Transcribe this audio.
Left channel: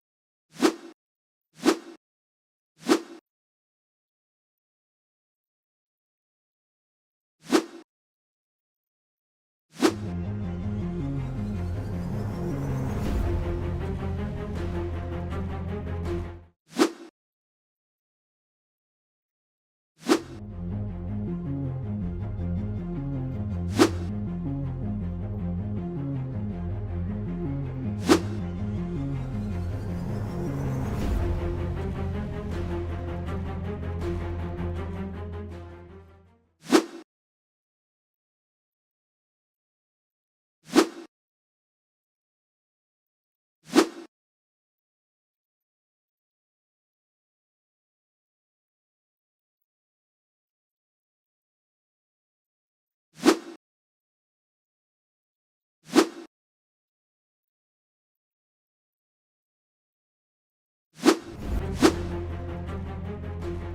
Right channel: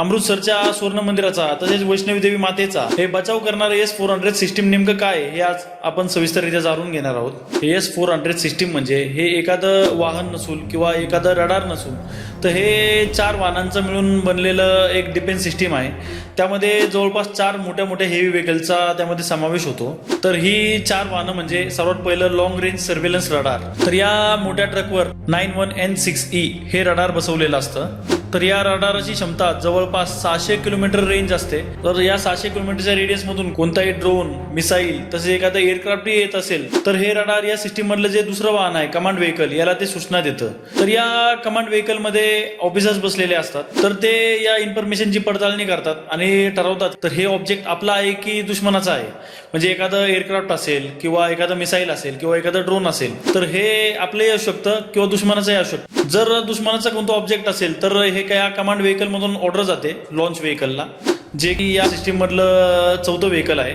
अमृतसरच्या सुवर्ण मंदिराचा तसेच वैष्णवी देवी मातेचा हे बचाव करणारे एस फोर हंड्रेड सिस्टीम नेमकं काय हे आज आपण सविस्तररित्या जाणून घेणार आहोत. हे एस फोर हंड्रेड सिस्टीम म्हणजे हे एखादं वाहन नसून किंवा एखादं रडार नसून तर हे चार वाहनांचं मिळून बनलेलं एक डिफेन्स सिस्टीम आहे. त्यामध्ये जवळपास चार मोठ्या मोठ्या हेवी व्हेकलचा त्यामध्ये समावेश होतो. तर ही चार वाहनं म्हणजे सर्वात पहिलं लॉंग रेंज सर्वेलन्स रडार. तर या मोठ्या ट्रकवर nine one N six E हे रडार बसवलेलं असतं. तर या रडारची क्षमता जवळ जवळपास सहाशे किलोमीटर रेंज असते. तर या सहाशे किलोमीटरच्या रेडियस मधून कोणताही ड्रोन मिसाईल तसे एखादं एअरक्राफ्ट येत असेल तर हे रडार या सिस्टीम मधलं जे दुसरं वाहन आहे कमांड व्हेकल याला ते सूचना देतं. तर या कमांड व्हेकलमध्ये ऑफिसर्स बसलेले असतात. तर ते या इन्फॉर्मेशनची पडताळणी करतात आणि ठरवतात. तर हे ऑब्जेक्ट आपला आहे की दुश्मनाचा आहे? म्हणजे एखादं एअरक्राफ्ट असेल किंवा एखादं मिसाईल असेल किंवा एखादं ड्रोन असेल तर हे आपले असू शकतं किंवा दुश्मनाचंही असू शकतं. जर दुश्मनाचा कोणता ऑब्जेक्ट असेल तर हे काय कमांड व्हेकल मधून ऑर्डर जाते? लॉन्च व्हेकलला जे की या सिस्टीम मधलं चौथं व्हेकल आहे.